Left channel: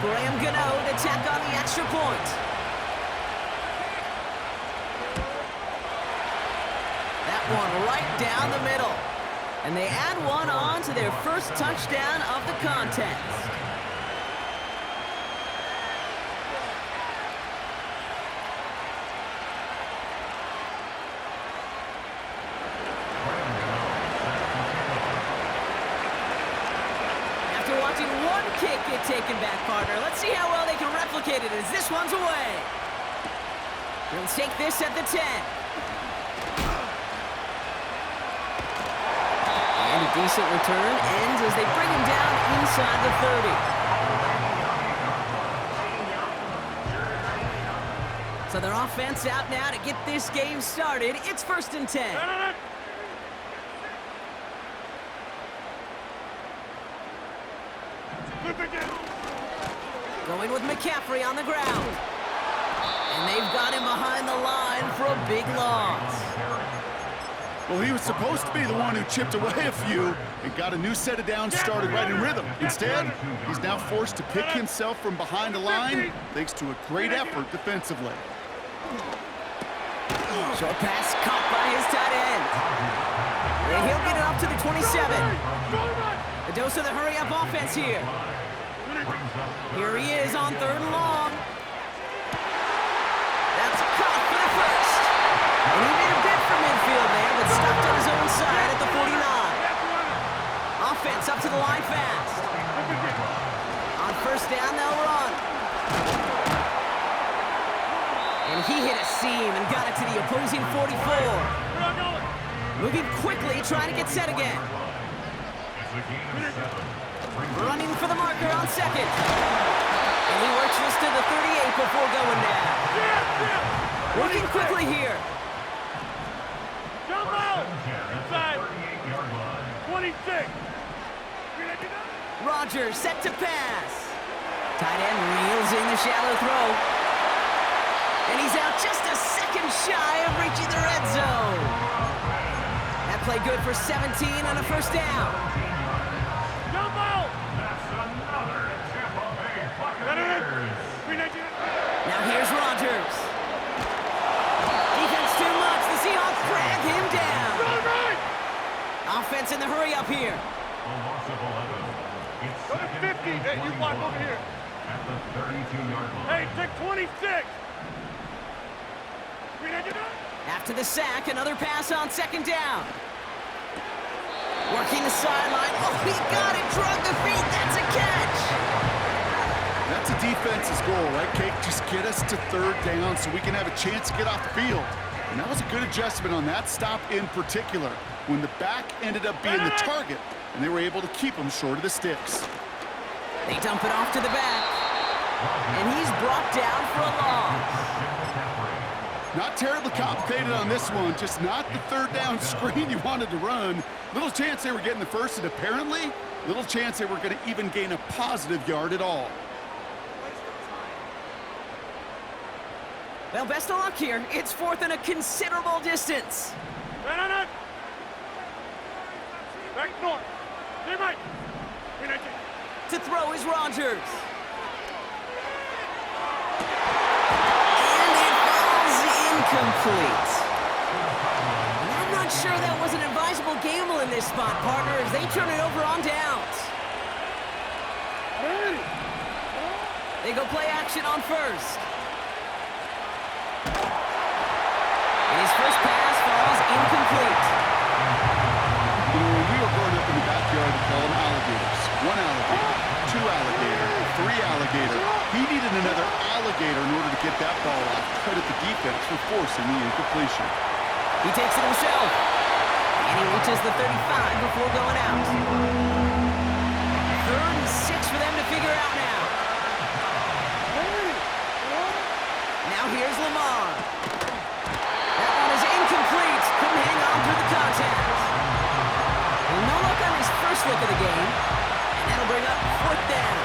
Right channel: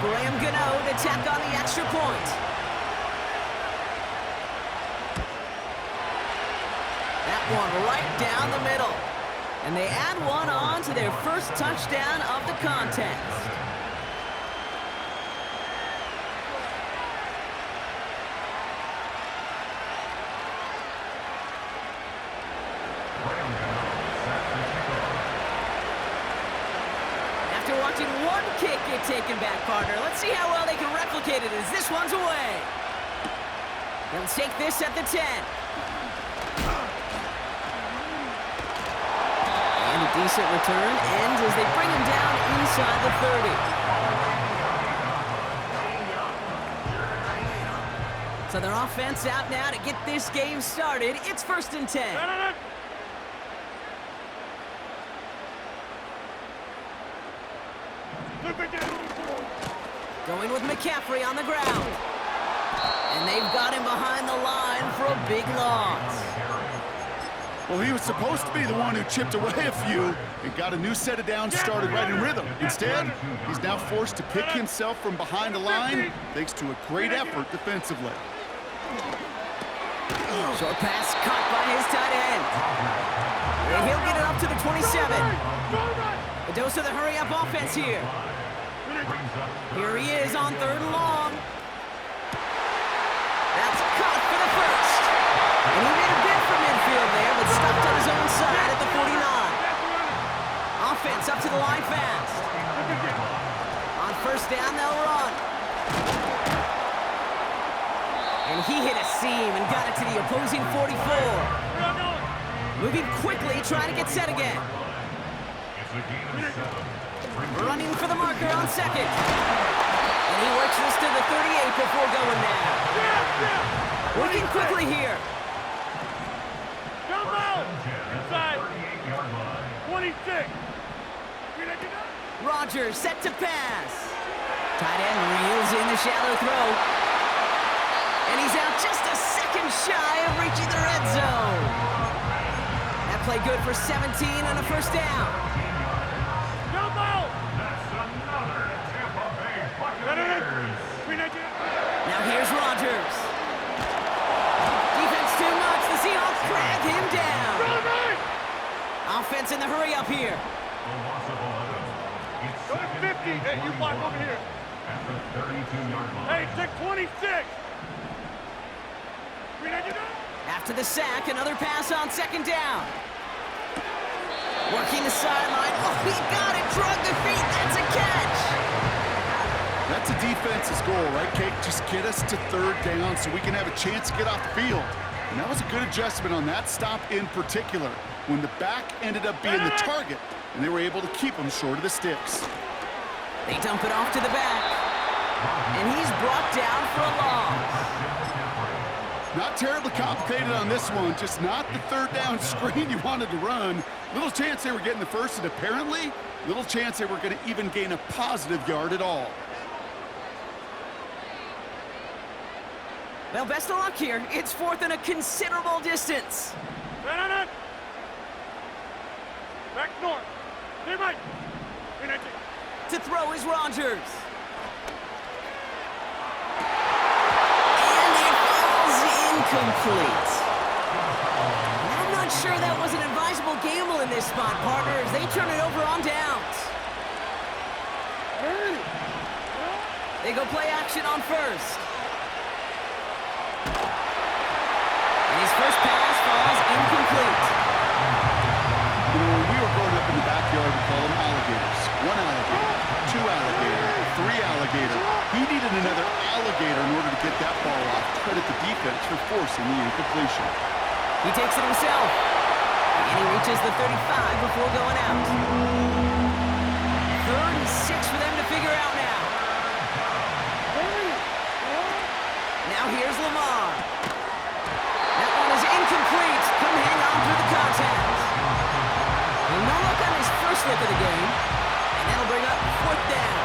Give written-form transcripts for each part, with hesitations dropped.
Graham Gano to tack on the extra point. That one right down the middle. And they add one on to their first touchdown of the contest. After watching one kick get taken back, partner, let's see how well they can replicate it as this one's away. He'll take this at the 10. And a decent return ends as they bring him down inside the 30. So their offense out now to get this game started. It's 1st and 10. Going with McCaffrey on the ground. And they've got him behind the line for a big loss. Well, he was supposed to be the one who chipped away a few and got a new set of downs started right in rhythm. Instead, he's now forced to pick himself from behind the line thanks to a great effort defensively. Short pass caught by his tight end. And he'll get it up to the 27. A dose of the hurry-up offense here. Here he is on 3rd and long. That's caught for the first. And he made a bid for midfield there, but stopped on his own side at the 49. Offense up to the line fast. On 1st down, they'll run. And he hit a seam and got it to the opposing 44. Moving quickly, trying to get set again. Running for the marker on 2nd. And he works this to the 38 before going down. Working quickly here. Jump out! Inside. 26. Rodgers set to pass. Tight end reels in the shallow throw. And he's out just a second shy of reaching the red zone. That play good for 17 and a 1st down. Jump out! That's another Tampa Bay Buccaneers. Now here's Rodgers. Defense too much. The Seahawks drag him down. Offense in the hurry up here. Go to 50. Hey, you block over here. At the 32-yard line. Hey, take 26. After the sack, another pass on 2nd down. Working the sideline. Oh, he got it. Drug the feet. That's a catch. That's a defense's goal, right, Cake? Just get us to 3rd down so we can have a chance to get off the field. And that was a good adjustment on that stop in particular, when the back ended up being the target, and they were able to keep him short of the sticks. They dump it off to the back. And he's brought down for a loss. Not terribly complicated on this one, just not the 3rd down screen you wanted to run. Little chance they were getting the first, and apparently, little chance they were going to even gain a positive yard at all. Well, best of luck here. It's 4th and a considerable distance. Back north. Stay right. To throw is Rodgers. Incomplete. And I'm not sure that was an advisable gamble in this spot, partner, as they turn it over on downs. They go play action on 1st. And his first pass falls incomplete. You know, when we were growing up in the backyard, we call them alligators. 1 alligator, 2 alligator, 3 alligator. He needed another alligator in order to get that ball off. Credit the defense for forcing the incompletion. He takes it himself. And he reaches the 35 before going out. 3rd and 6 for them to figure out now. Now here's Lamar. That one is incomplete. Couldn't hang on through the contact. And no look on his first look of the game. And that'll bring up 4th down.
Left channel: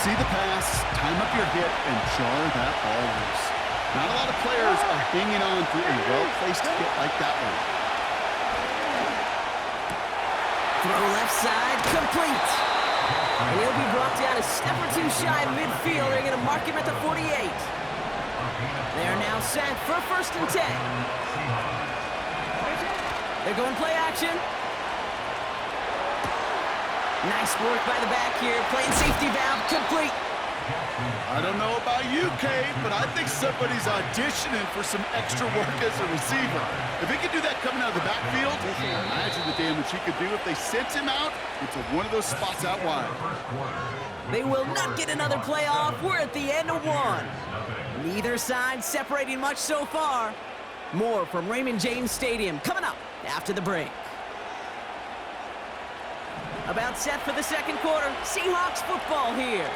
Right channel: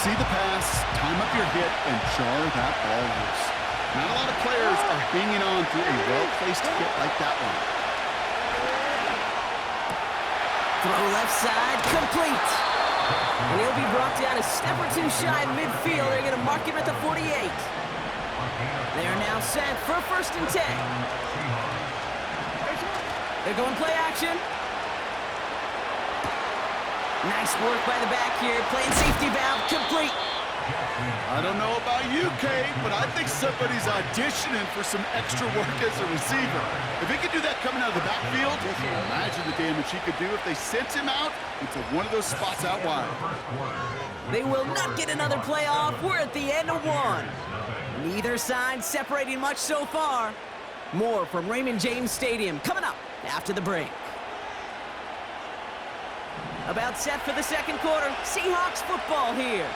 See the pass, time up your hit, and jar that ball loose. Not a lot of players are hanging on to a well-placed hit like that one. Throw left side, complete. And he'll be brought down a step or two shy of midfield. They're going to mark him at the 48. They are now set for 1st and 10. They're going play action. Nice work by the back here. Playing safety valve complete. I don't know about you, Kate, but I think somebody's auditioning for some extra work as a receiver. If he could do that coming out of the backfield, imagine the damage he could do if they sent him out into one of those spots out wide. They will not get another play off. We're at the end of one. Neither side separating much so far. More from Raymond James Stadium coming up after the break. About set for the second quarter. Seahawks football here.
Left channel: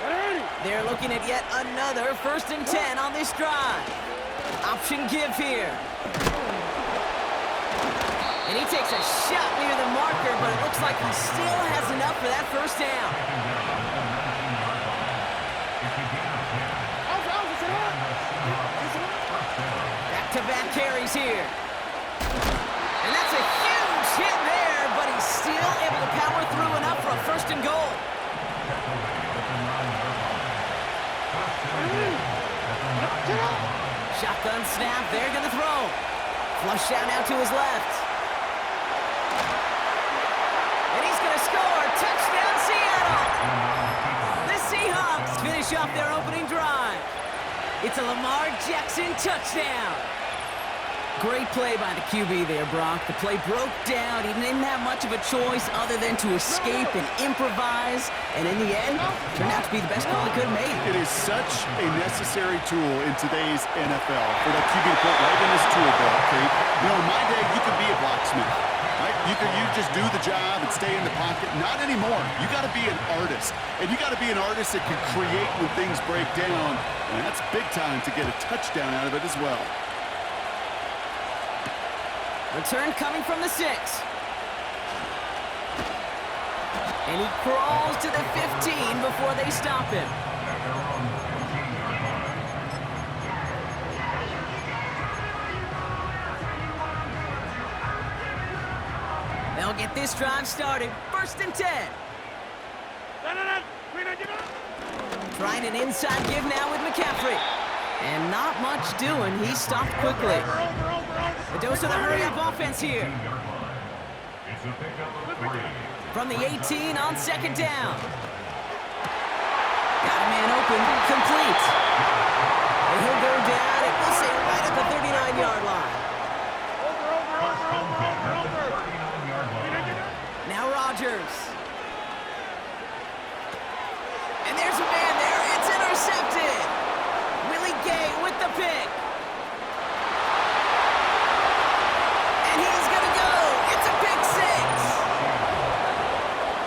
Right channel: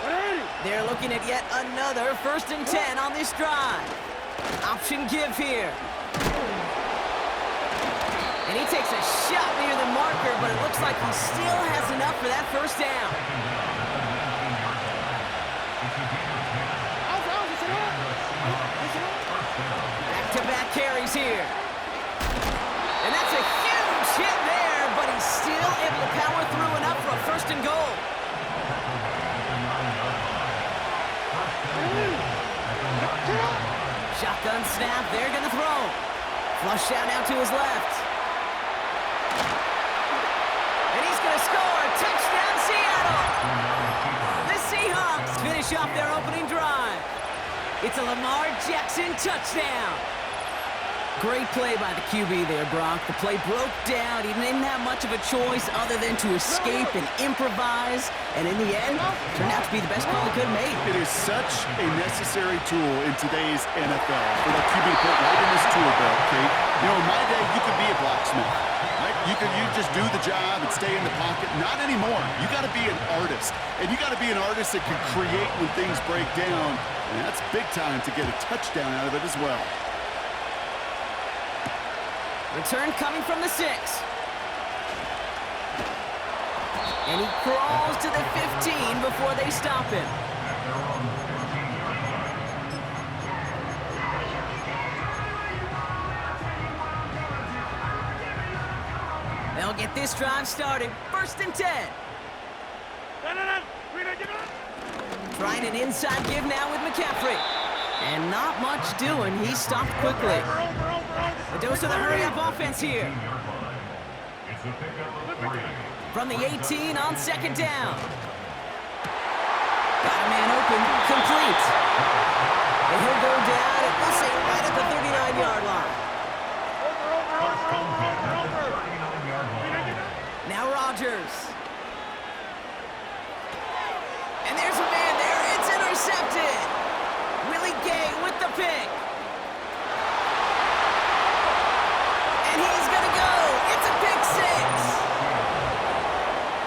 They're looking at yet another 1st and 10 on this drive. Option give here. And he takes a shot near the marker, but it looks like he still has enough for that 1st down. Back-to-back carries here. And that's a huge hit there, but he's still able to power through enough for a 1st and goal. Shotgun snap, they're gonna throw. Flush down now to his left. And he's gonna score, touchdown Seattle! The Seahawks finish off their opening drive. It's a Lamar Jackson touchdown. Great play by the QB there, Brock. The play broke down. He didn't have much of a choice other than to escape and improvise. And in the end, turned out to be the best call he could have made. It is such a necessary tool in today's NFL for that QB to put right in his tool belt, Kate. You know, in my day, you could be a blacksmith, right? You just do the job and stay in the pocket. Not anymore. You got to be an artist. And you got to be an artist that can create when things break down. And that's big time to get a touchdown out of it as well. Return coming from the 6. And he crawls to the 15 before they stop him. They'll get this drive started. 1st and 10. Trying an inside give now with McCaffrey. And not much doing. He stopped quickly. A dose of the hurry-up offense here. From the 18 on 2nd down. Got a man open, complete. And he'll go down, and we'll say right at the 39-yard line. Now Rodgers. And there's a man there. It's intercepted. Willie Gay with the pick. And he's going to go. It's a pick 6.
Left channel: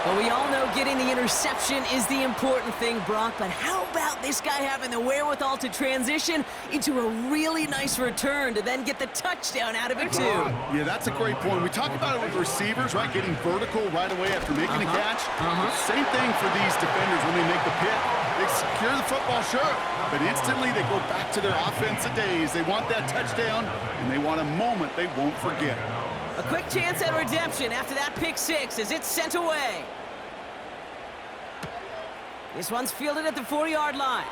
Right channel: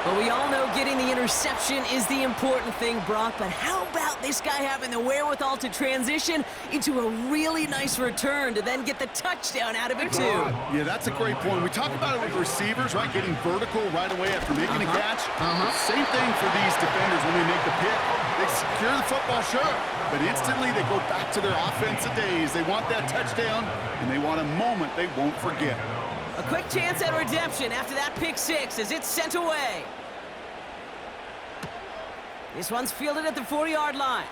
But we all know getting the interception is the important thing, Brock. But how about this guy having the wherewithal to transition into a really nice return to then get the touchdown out of it, too? Yeah, that's a great point. We talk about it with receivers, right? Getting vertical right away after making a catch. Same thing for these defenders when they make the pick. They secure the football, sure, but instantly they go back to their offensive days. They want that touchdown, and they want a moment they won't forget. A quick chance at redemption after that pick 6 as it's sent away. This one's fielded at the 4-yard line.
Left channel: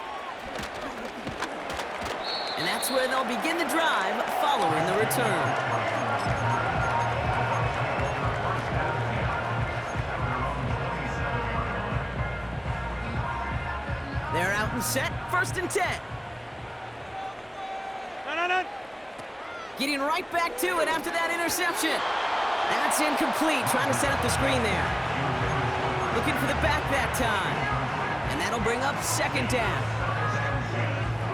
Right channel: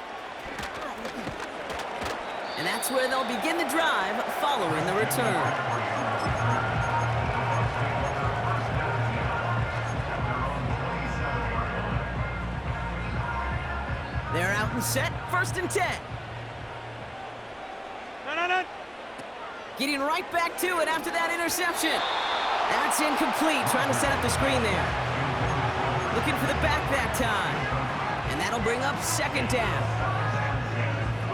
And that's where they'll begin the drive following the return. They're out and set, 1st and 10. Getting right back to it after that interception. That's incomplete, trying to set up the screen there. Looking for the back that time. And that'll bring up 2nd down.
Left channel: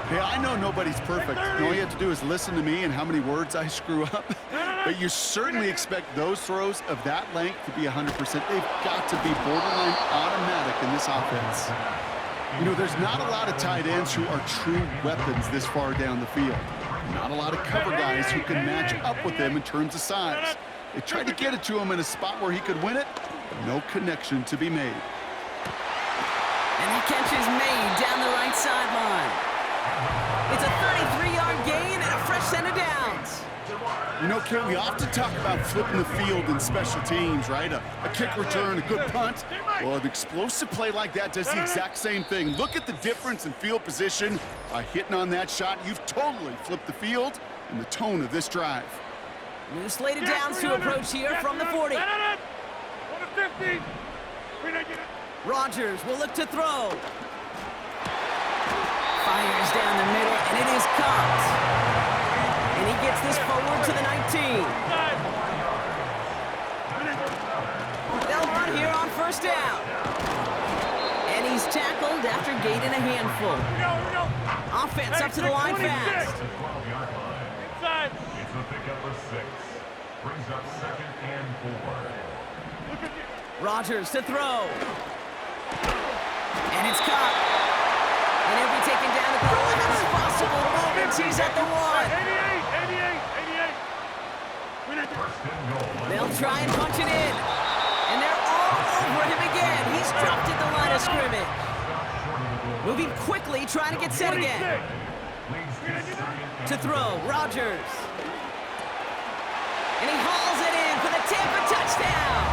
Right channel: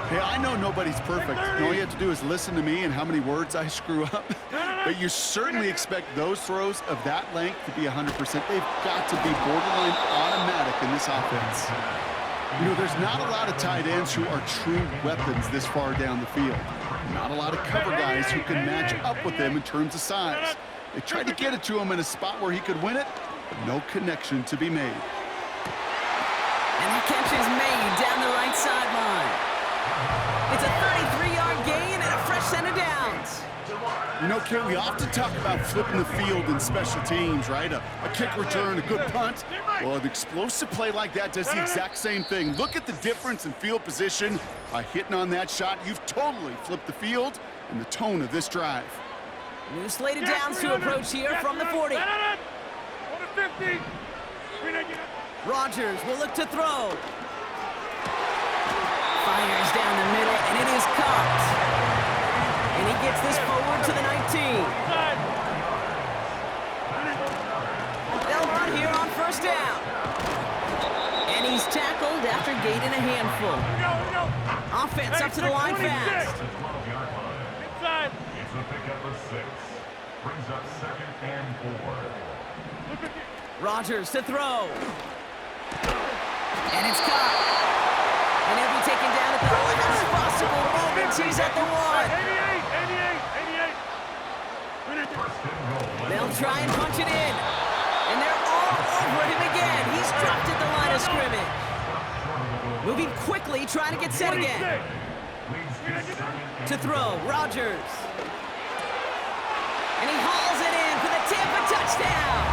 Hey, I know nobody's perfect. All you have to do is listen to me and how many words I screw up. But you certainly expect those throws of that length to be 100%. They've got to be borderline automatic in this offense. You know, there's not a lot of tight ends who are true weapons this far down the field. Not a lot of cover guys who can match up with them in terms of size. They tried to get it to him in a spot where he could win it, but no connection to be made. And that catch is made down the right sideline. It's a 33-yard gain and a fresh set of downs. You know, Kate, we often talk about flipping the field in special teams, right? A kick return, a good punt. Well, an explosive play like that does the exact same thing. Look at the difference in field position. By hitting on that shot, you've totally flipped the field and the tone of this drive. New slated downs to approach here from the 40. 50. Rodgers will look to throw. Fires down the middle, and it is caught. And he gets this forward to the 19. They'll run here on first down. And he's tackled after gaining a handful. Here we go. Offense up to the line 26. fast. The 12-yard line. Inside. It's a pickup of 6. Brings up 2nd and 4. Look at you. Rodgers to throw. And it's caught. And he'll be taken down at the last possible moment. He's at the 1. 88. First and goal. They'll try and punch it in. And they're all over him again. He's dropped at the line of scrimmage. Moving quickly, trying to get set again. Leads to 2nd To and throw, Rodgers. And he hauls it in for the Tampa touchdown.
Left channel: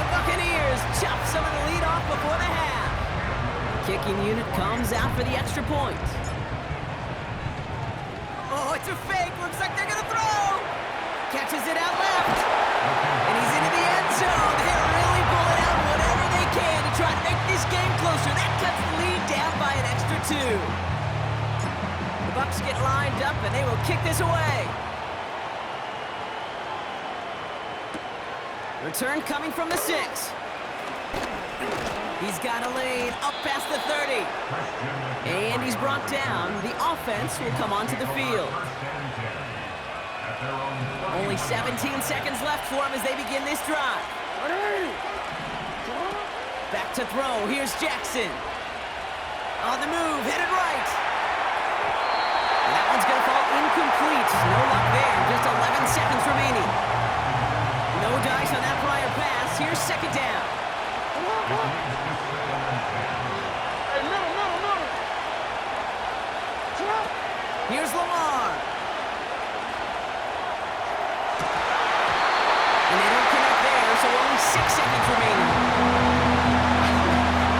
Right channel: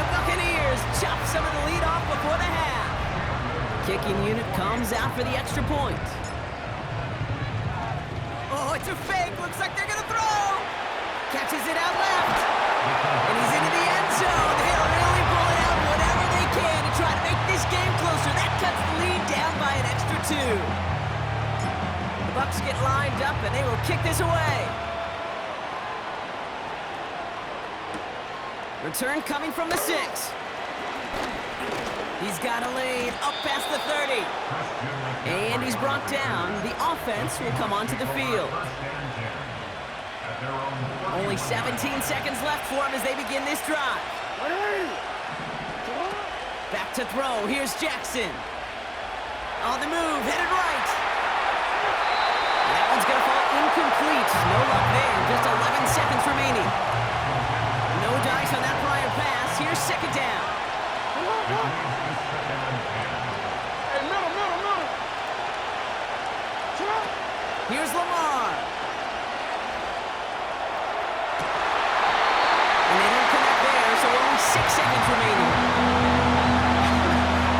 The Buccaneers chop some of the lead off before the half. Kicking unit comes out for the extra point. Oh, it's a fake. Looks like they're going to throw. Catches it out left. And he's into the end zone. They're really pulling out whatever they can to try to make this game closer. That cuts the lead down by an extra 2. The Bucs get lined up, and they will kick this away. Return coming from the 6. He's got a lane up past the 30. And he's brought down. The offense will come onto the field. Only 17 seconds left for him as they begin this drive. Back to throw. Here's Jackson. On the move, headed right. And that one's going to fall incomplete. No luck there. Just 11 seconds remaining. No dice on that prior pass. Here's 2nd down. Hey, middle. Sit up. Here's Lamar. And they don't connect there, so only 6 seconds remaining.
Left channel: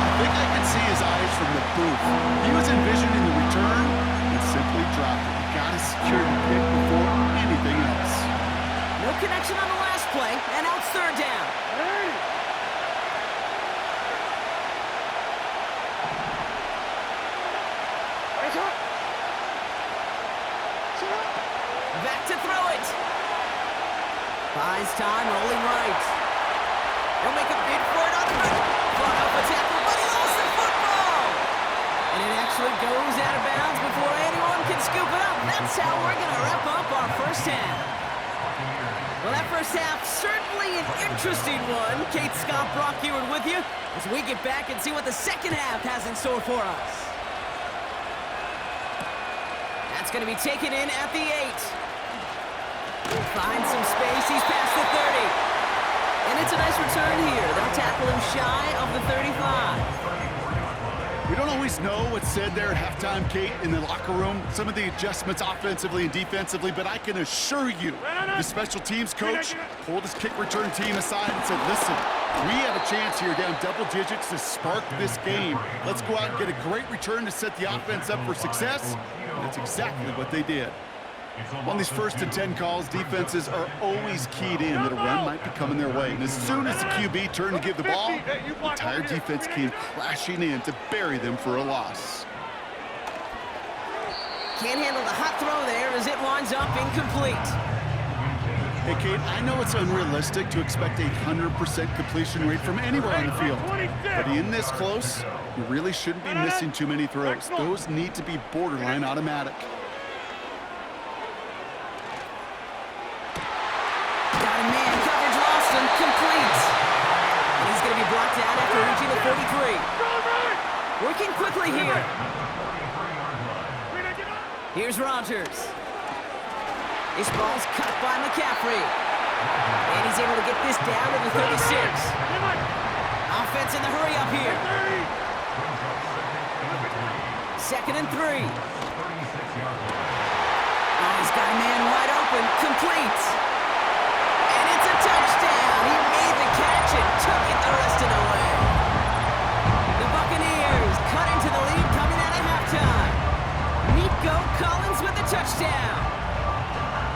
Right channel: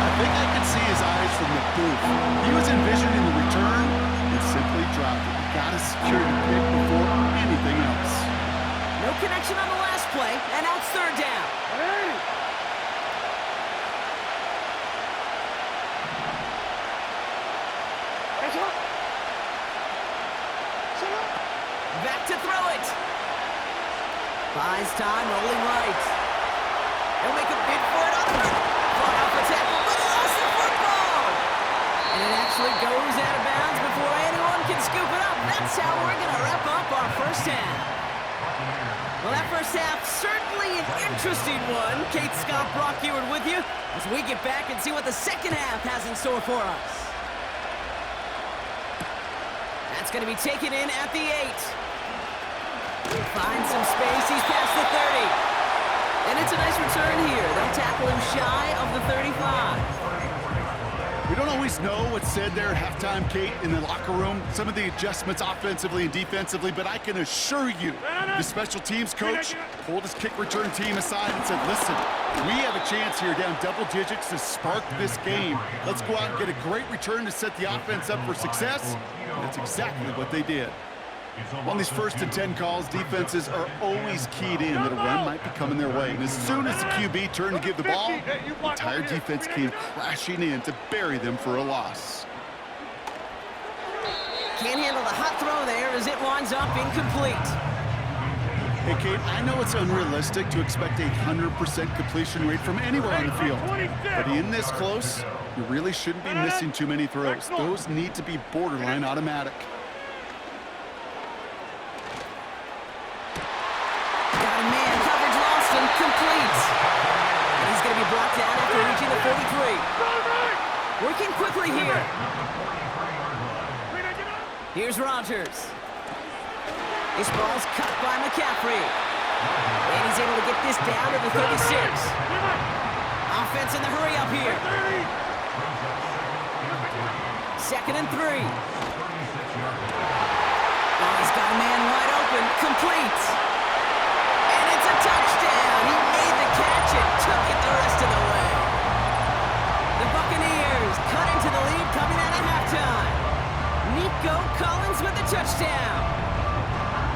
I think I could see his eyes from the booth. He was envisioning the return and simply dropped it. You gotta secure the pick before anything else. No connection on the last play, and now it's 3rd down. Hey. Sit up. Back to throw it. Buys time, rolling right. He'll make a bid for it on the run. Fought off a tackle, but he lost the football. And it actually goes out of bounds before anyone can scoop it up. That's how we're going to wrap up our first half. Well, that first half, certainly an interesting one. Kate, Scott, Brock Eward with you as we get back and see what the second half has in store for us. That's going to be taken in at the 8. Finds some space. He's past the 30. And it's a nice return here. They'll tackle him shy of the 35. We don't always know what's said there at halftime, Kate, in the locker room. Some of the adjustments offensively and defensively, but I can assure you the special teams coach pulled his kick return team aside and said, listen, we have a chance here down double digits to spark this game. Let's go out and get a great return to set the offense up for success. And that's exactly what they did. On these 1st and 10 calls, defenses are always keyed in that a run might be coming their way. And as soon as the QB turned to give the ball, the entire defense came crashing in to bury them for a loss. Can't handle the hot throw there as it winds up incomplete. Hey, Kate, I know it's unrealistic to expect a 100% completion rate from anywhere on the field. But in this close, you really shouldn't be missing too many throws. Those need to be borderline automatic. Got a man, coverage lost and complete. And he's going to be brought down after reaching the 43. Working quickly here. Here's Rodgers. This ball's cut by McCaffrey. And he's able to get this down to the 36. Offense in the hurry up here. 2nd and 3. Oh, he's got a man wide open. Complete. And it's a touchdown. He made the catch and took it the rest of the way. The Buccaneers cut into the lead coming out of halftime. Nico Collins with the touchdown.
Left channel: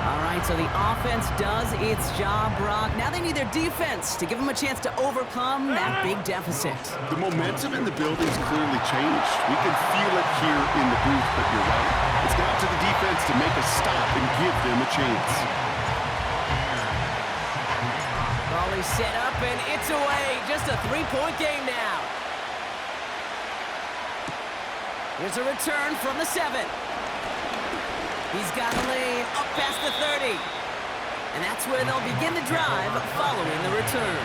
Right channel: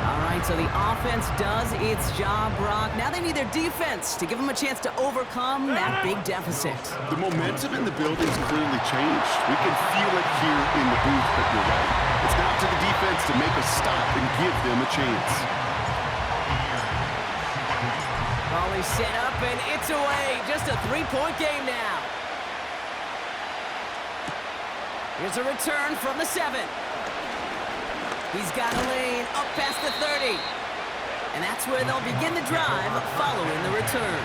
All right, so the offense does its job, Brock. Now they need their defense to give them a chance to overcome that big deficit. The momentum in the building's clearly changed. We can feel it here in the booth, but you're right. It's down to the defense to make a stop and give them a chance. Ball is set up, and it's away. Just a three-point game now. Here's a return from the 7. He's got a lane up past the 30. And that's where they'll begin the drive following the return.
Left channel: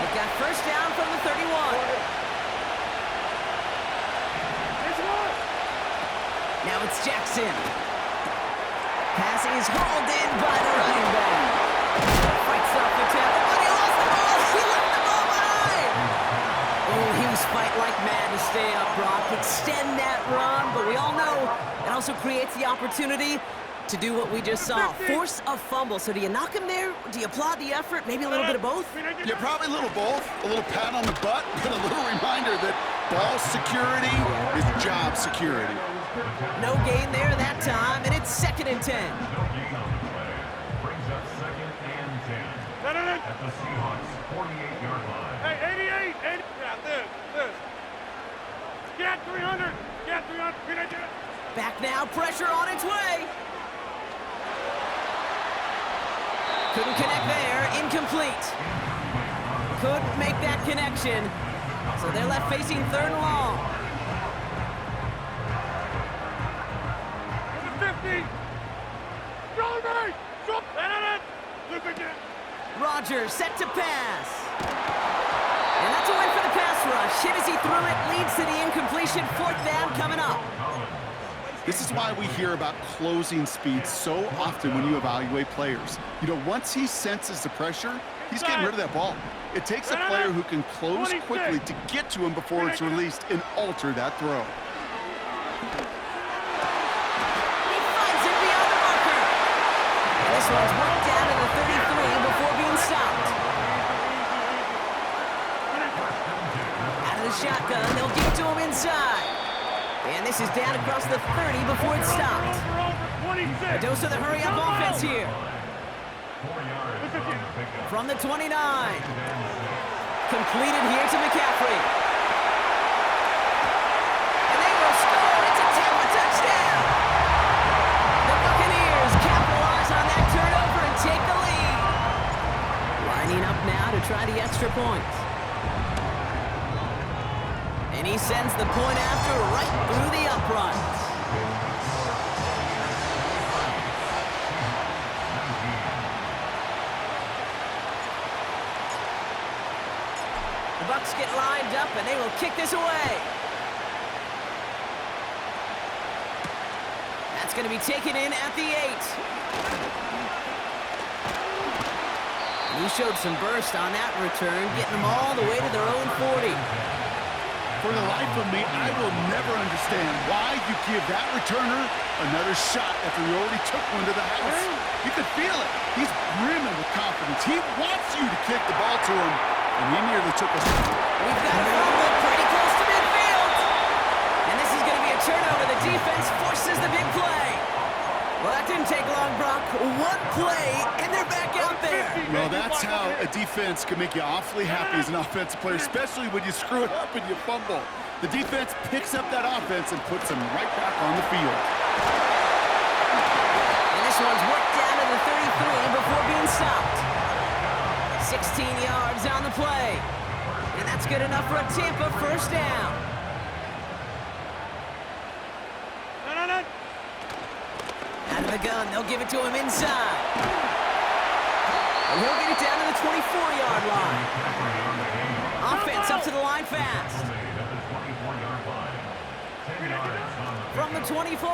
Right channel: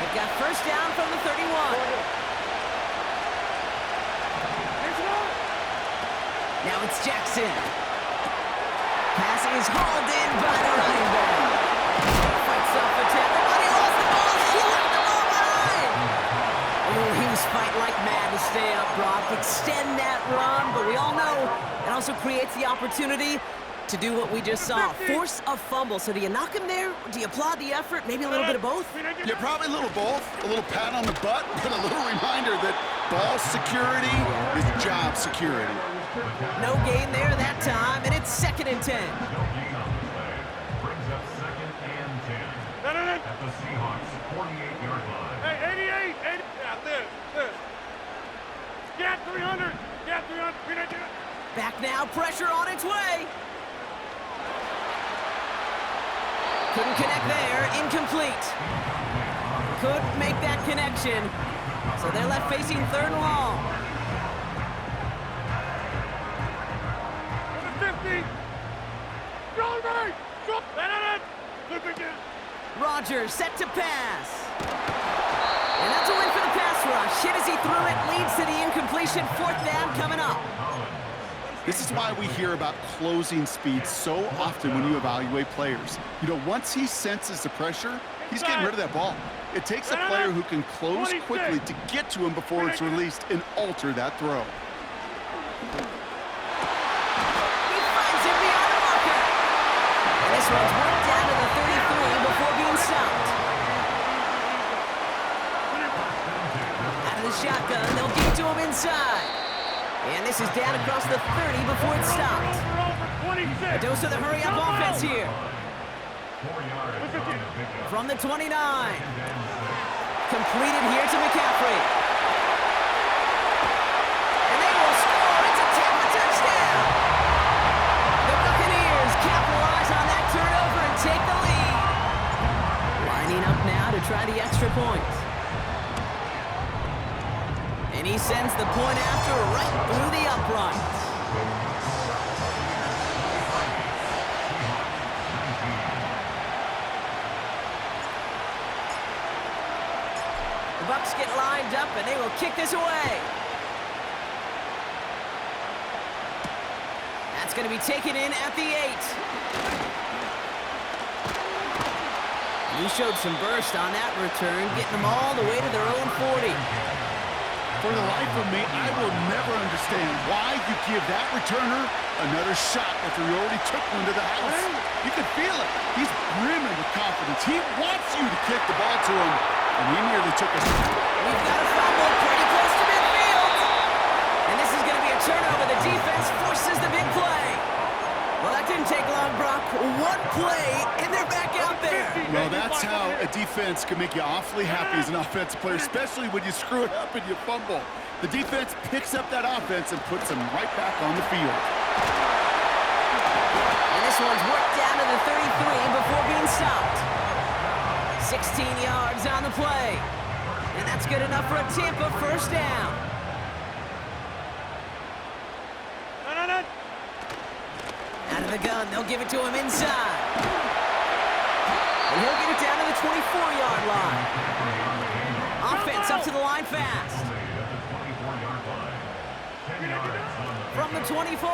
They've got first down from the 31. Now it's Jackson. Pass is hauled in by the running back. Fights off the tackle, but he lost the ball. He left the ball behind. Oh, he was fighting like mad to stay up, Brock. Extend that run, but we all know it also creates the opportunity to do what we just saw. Force a fumble. So do you knock him there? Do you applaud the effort? Maybe a little bit of both? Yeah, probably a little both. A little pat on the butt, but a little reminder that ball security is job security. No gain there that time, and it's 2nd and 10. No gain on the play. Brings up 2nd and 10. At the Seahawks 48-yard line. Hey, 88, 80. Yeah, this. Get 300. Get 300. Back now, pressure on its way. Couldn't connect there, incomplete. Couldn't make that connection. So they're left facing 3rd and long. 50. Go, Ray. Go. Look again. Rodgers set to pass. And that's a win for the pass rush. Hit as he threw it, leads to the incompletion. 4th down coming up. This is why we hear about closing speed so often when you evaluate players. You know, once he senses the pressure, he's getting rid of that ball. It takes a player who can close quickly to get to him before it's released and alter that throw. He finds him beyond the marker. And this one's worked down to the 33 before being stopped. Out of the shotgun, they'll get to him inside. And this is down across the 30 before it's stopped. A dose of the hurry-up offense here. 4 yards on the pickup. From the 29. Completed here to McCaffrey. And they will score. It's a Tampa touchdown. The Buccaneers capitalize on that turnover and take the lead. Lining up now to try the extra point. And he sends the point after right through the uprights. The Bucs get lined up, and they will kick this away. That's going to be taken in at the 8. And he showed some burst on that return, getting them all the way to their own 40. For the life of me, I will never understand why you give that returner another shot after he already took one to the house. You could feel it. He's brimming with confidence. He wants you to kick the ball to him, and he nearly took us. We've got a fumble pretty close to midfield. And this is going to be a turnover. The defense forces the big play. Well, that didn't take long, Brock. One play, and they're back out there. Well, that's how a defense can make you awfully happy as an offensive player, especially when you screw it up and you fumble. The defense picks up that offense and puts them right back on the field. And this one's worked down to the 33 before being stopped. 16 yards on the play. And that's good enough for a Tampa first down. Out of the gun, they'll give it to him inside. And he'll get it down to the 24-yard line. Offense up to the line fast. From the 24.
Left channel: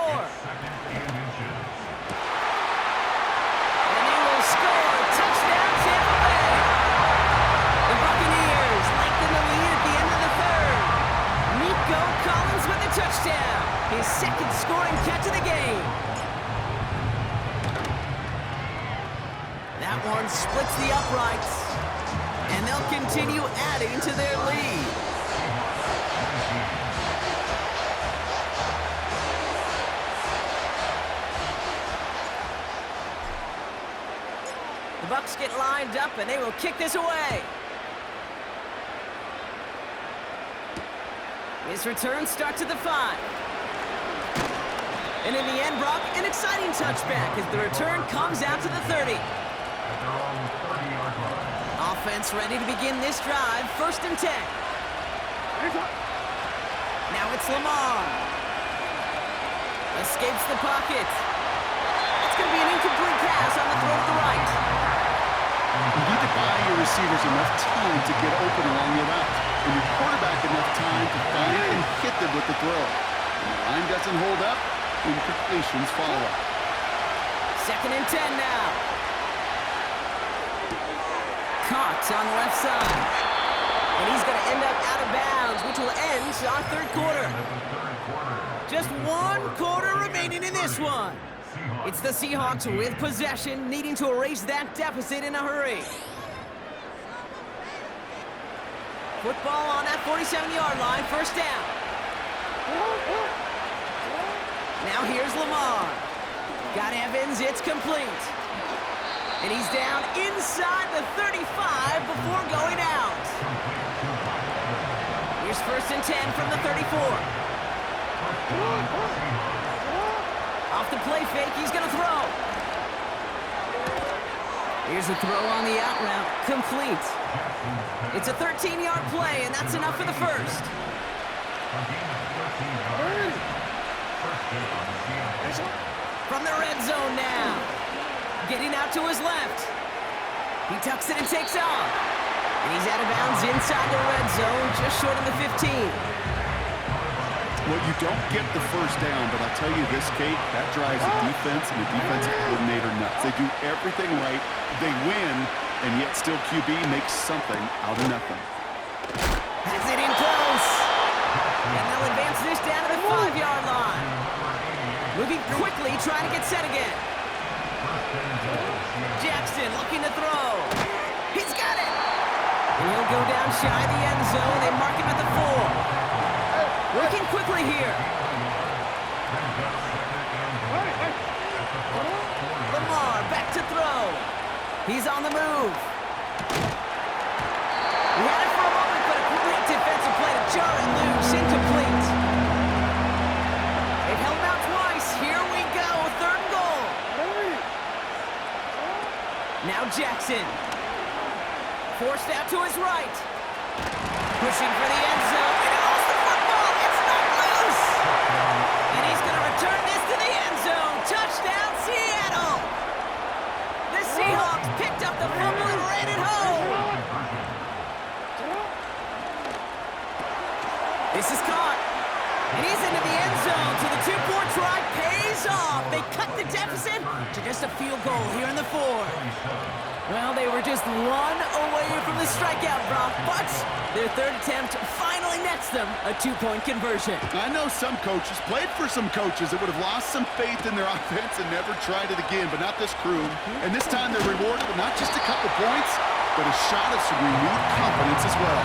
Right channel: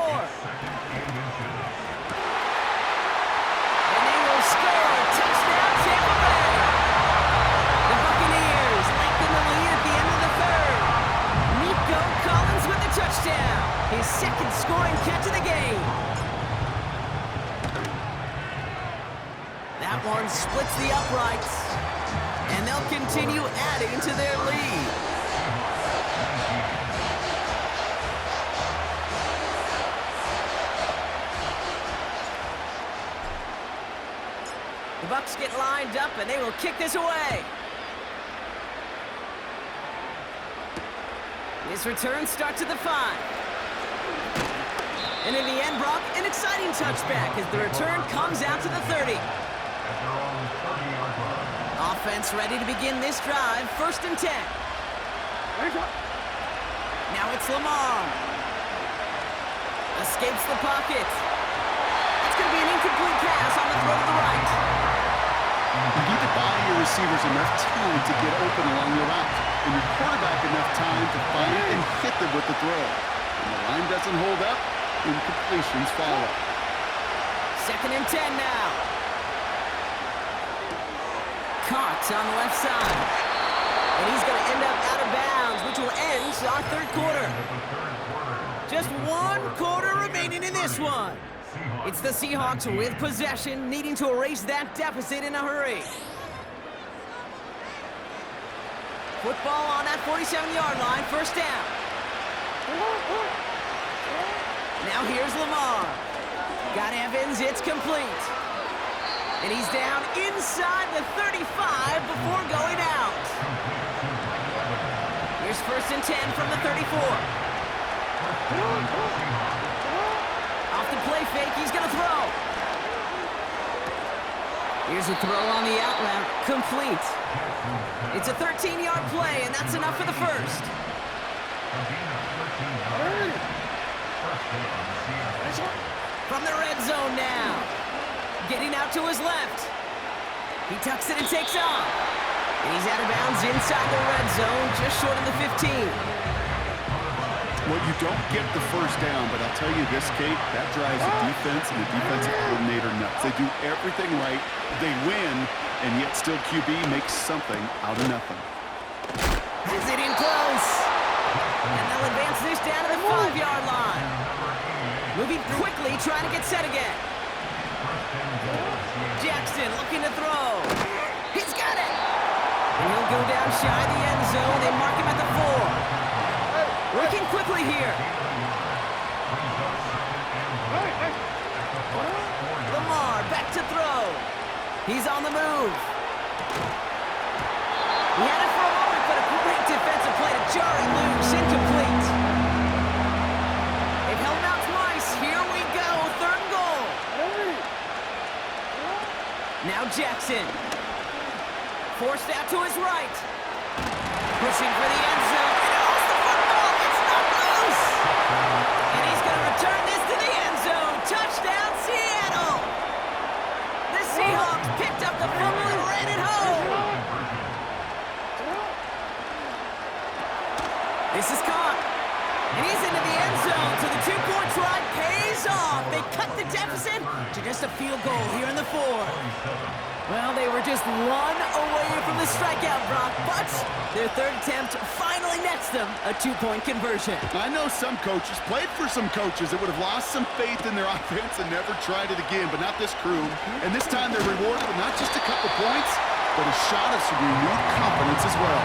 And they will score. Touchdown, Tampa Bay. The Buccaneers lengthen the lead at the end of the 3rd. Nico Collins touchdown! His second scoring catch of the game. That one splits the uprights, and they'll continue adding to their lead. The Bucs get lined up, and they will kick this away. His return starts at the 5. And in the end, Brock, an exciting touchback as the return comes out to the 30. At their own 30-yard line. Offense ready to begin this drive, 1st and 10. Now it's Lamar. Escapes the pocket. That's going to be an incomplete pass on the throw to the right. You need to buy your receivers enough time to get open along the route, and your quarterback enough time to find and hit them with the throw. When the line doesn't hold up, incompletions follow. 2nd and 10 now. Caught on the left side. And he's going to end up out of bounds, which will end our 3rd quarter. Just 1 quarter remaining in this one. It's the Seahawks with possession, needing to erase that deficit in a hurry. Football on that 47-yard line, 1st down. Now here's Lamar. Got Evans, it's complete. And he's down inside the 35 before going out. Here's 1st and 10 from the 34. Off the play fake, he's gonna throw. Here's a throw on the out route, complete. It's a 13-yard play, and that's enough for the 1st. From the red zone now. Getting out to his left. He tucks it and takes off. And he's out of bounds inside the red zone, just short of the 15. Well, you don't get the 1st down, but I'll tell you this, Kate, that drives the defense and the defensive coordinator nuts. They do everything right, they win, and yet still QB makes something out of nothing. Has it in close. And they'll advance this down to the 5-yard line. Moving quickly, trying to get set again. Jackson looking to throw. He's got it. And he'll go down shy of the end zone. They mark him at the 4. Working quickly here. Lamar back to throw. He's on the move. He had it for a moment, but a great defensive play to jar it loose. Incomplete. They've held him out twice. Here we go. 3rd and goal. Now Jackson. Forced out to his right. Pushing for the end zone. And he lost the football. It's not loose. And he's going to return this to the end zone. Touchdown, Seattle. The Seahawks picked up the fumble and ran it home. This is caught. And he's into the end zone, so the 2-point try pays off. They cut the deficit to just a field goal here in the 4th. Well, they were just 1 away from the strikeout, Brock, but their 3rd attempt finally nets them a 2-point conversion. I know some coaches, played for some coaches that would have lost some faith in their offense and never tried it again, but not this crew. And this time they're rewarded with not just a couple points, but a shot of some renewed confidence as well.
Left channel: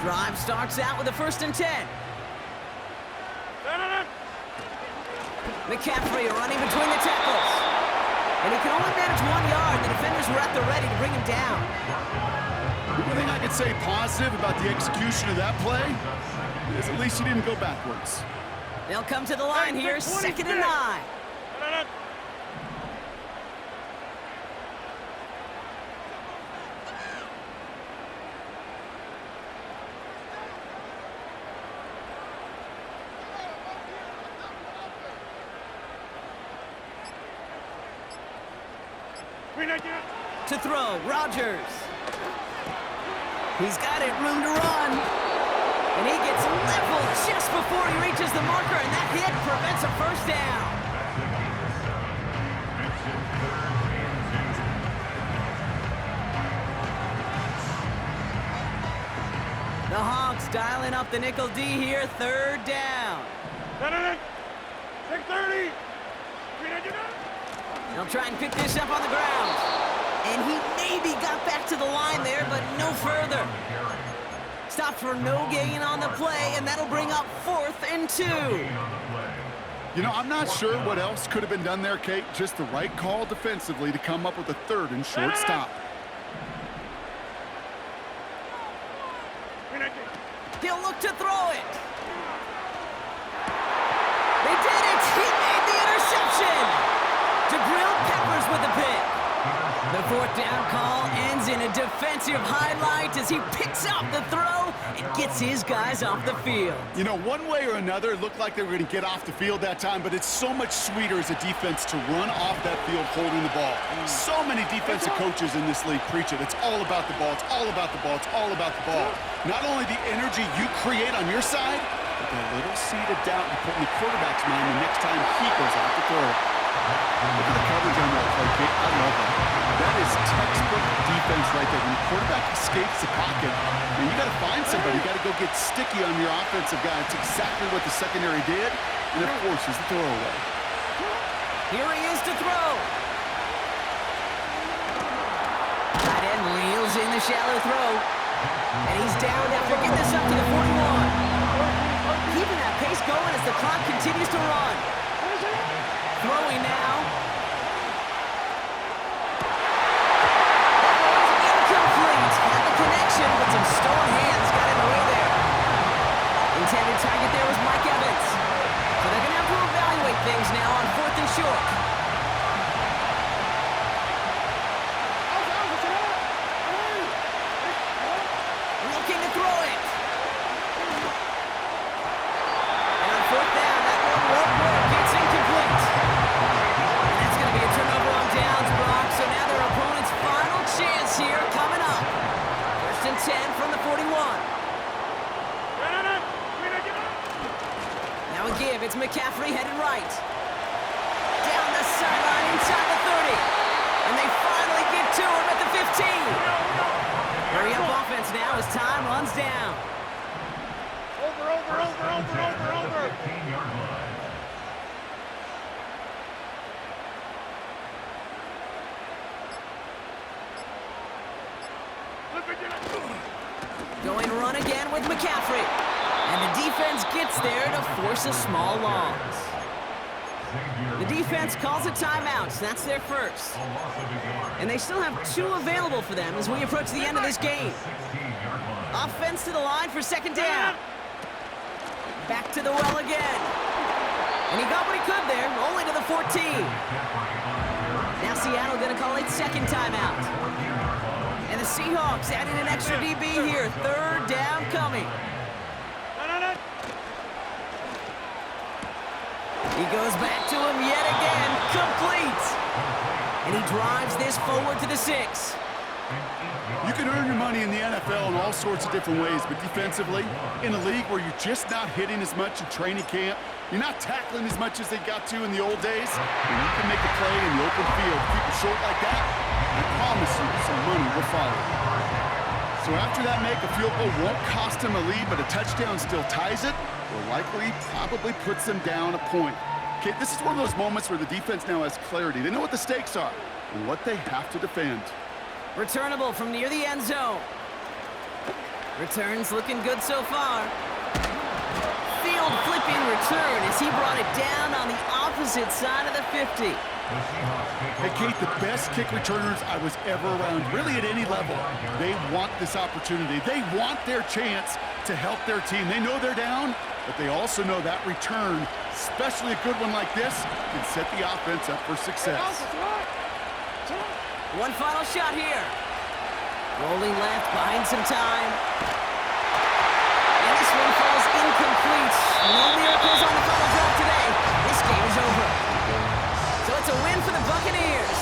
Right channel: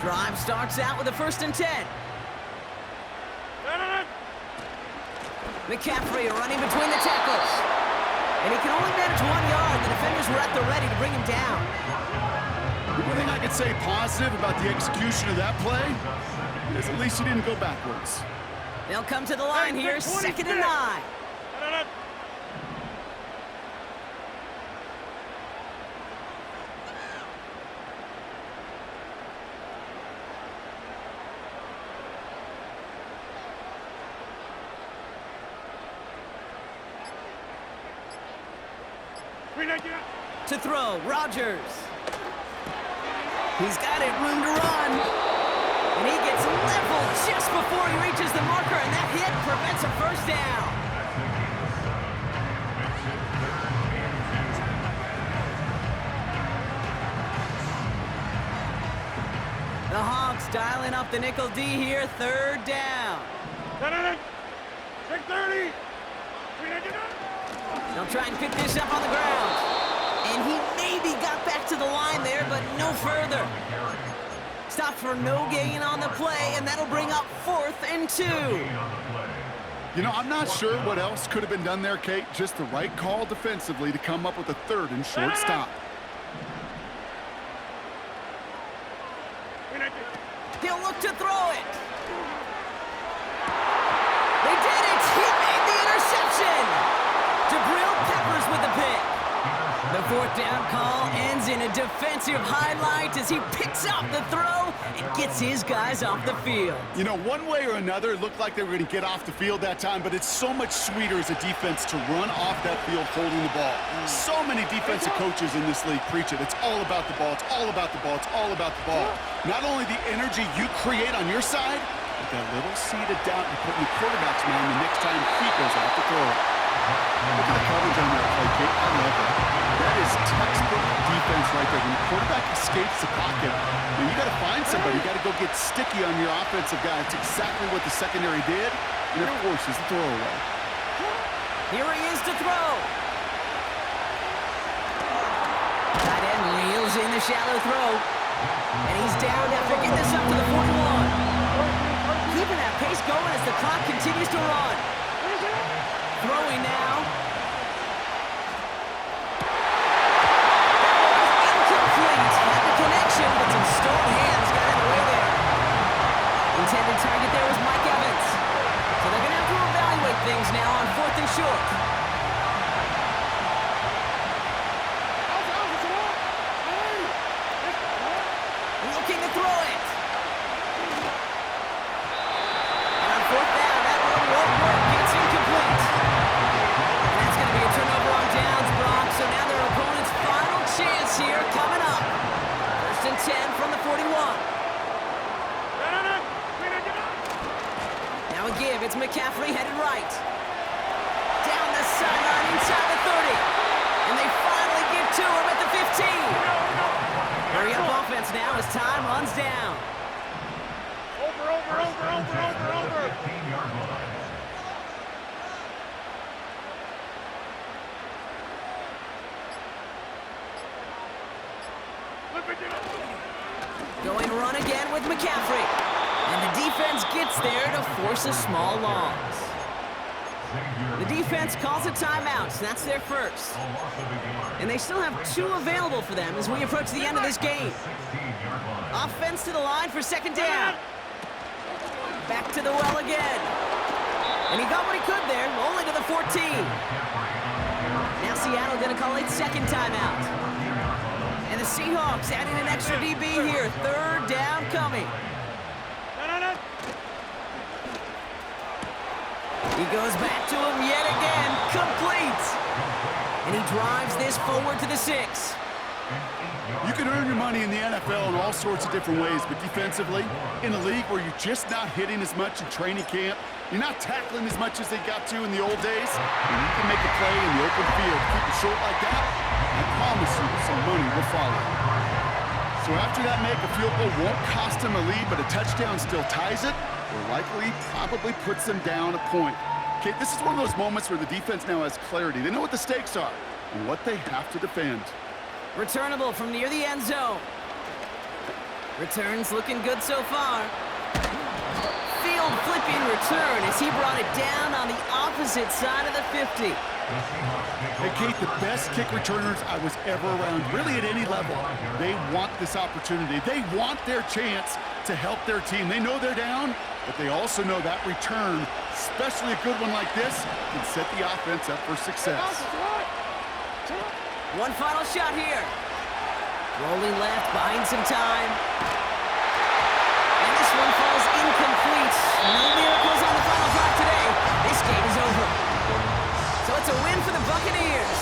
Drive starts out with a 1st and 10. McCaffrey running between the tackles. And he can only manage 1 yard. The defenders were at the ready to bring him down. The one thing I could say positive about the execution of that play is at least he didn't go backwards. They'll come to the line here, 2nd and 9. To throw, Rodgers. He's got it, room to run. And he gets leveled just before he reaches the marker, and that hit prevents a 1st down. The Hawks dialing up the nickel D here, third down. 6:30. They'll try and pick this up on the ground. And he maybe got back to the line there, but no further. Stop for no gain on the play, and that'll bring up 4th and 2. You know, I'm not sure what else could have been done there, Kate. Just the right call defensively to come up with a 3rd and short stop. He'll look to throw it. They did it! He made the interception! Jabril Peppers with the pick. The 4th down call ends in a defensive highlight as he picks up the throw and gets his guys off the field. You know, one way or another, it looked like they were going to get off the field that time, but it's so much sweeter as a defense to run off that field holding the ball. So many defensive coaches in this league preach it. It's all about the ball. It's all about the ball. It's all about the ball. Not only the energy you create on your side, but that little seed of doubt you put in the quarterback's mind the next time he goes out to throw it. Look at the coverage on that play, Kate. I love that. That is textbook defense right there. When the quarterback escapes the pocket, man, you got to find somebody. You got to go get sticky on your offensive guy. It's exactly what the secondary did, and it forces the throwaway. Here he is to throw. Tight end reels in the shallow throw. And he's down after getting this up to the 41. Keeping that pace going as the clock continues to run. Throwing now. That was incomplete. Had the connection, but some stone hands got in the way there. Intended target there was Mike Evans. So they're going to have to evaluate things now on 4th and short. Looking to throw it. And on 4th down, that one won't work. It's incomplete. And that's going to be a turnover on downs, Brock. So now their opponent's final chance here coming up. 1st and 10 from the 41. Now a give. It's McCaffrey headed right. Down the sideline inside the 30. And they finally get to him at the 15. Hurry up offense now as time runs down. Over. 15-yard line. Going run again with McCaffrey. And the defense gets there to force a small loss. The defense calls a timeout. That's their first. And they still have 2 available for them as we approach the end of this game. Offense to the line for 2nd down. Back to the well again. And he got what he could there, only to the 14. Now Seattle going to call a 2nd timeout. And the Seahawks adding an extra DB here. 3rd down coming. He goes back to him yet again. Complete. And he drives this forward to the 6. You can earn your money in the NFL in all sorts of different ways, but defensively, in a league where you're just not hitting as much in training camp, you're not tackling as much as they got to in the old days, and you can make a play in the open field. Keep it short like that, I promise you some money will follow. So after that make, a field goal won't cost them a lead, but a touchdown still ties it, or likely probably puts them down a point. Okay, this is one of those moments where the defense now has clarity. They know what the stakes are and what they have to defend. Returnable from near the end zone. Returns looking good so far. Field flipping return as he brought it down on the opposite side of the 50. Hey, Kate, the best kick returners I was ever around, really at any level, they want this opportunity. They want their chance to help their team. They know they're down, but they also know that return, especially a good one like this, can set the offense up for success. One final shot here. Rolling left, buying some time. And this one falls incomplete. No miracles on the final drive today. This game is over. So it's a win for the Buccaneers.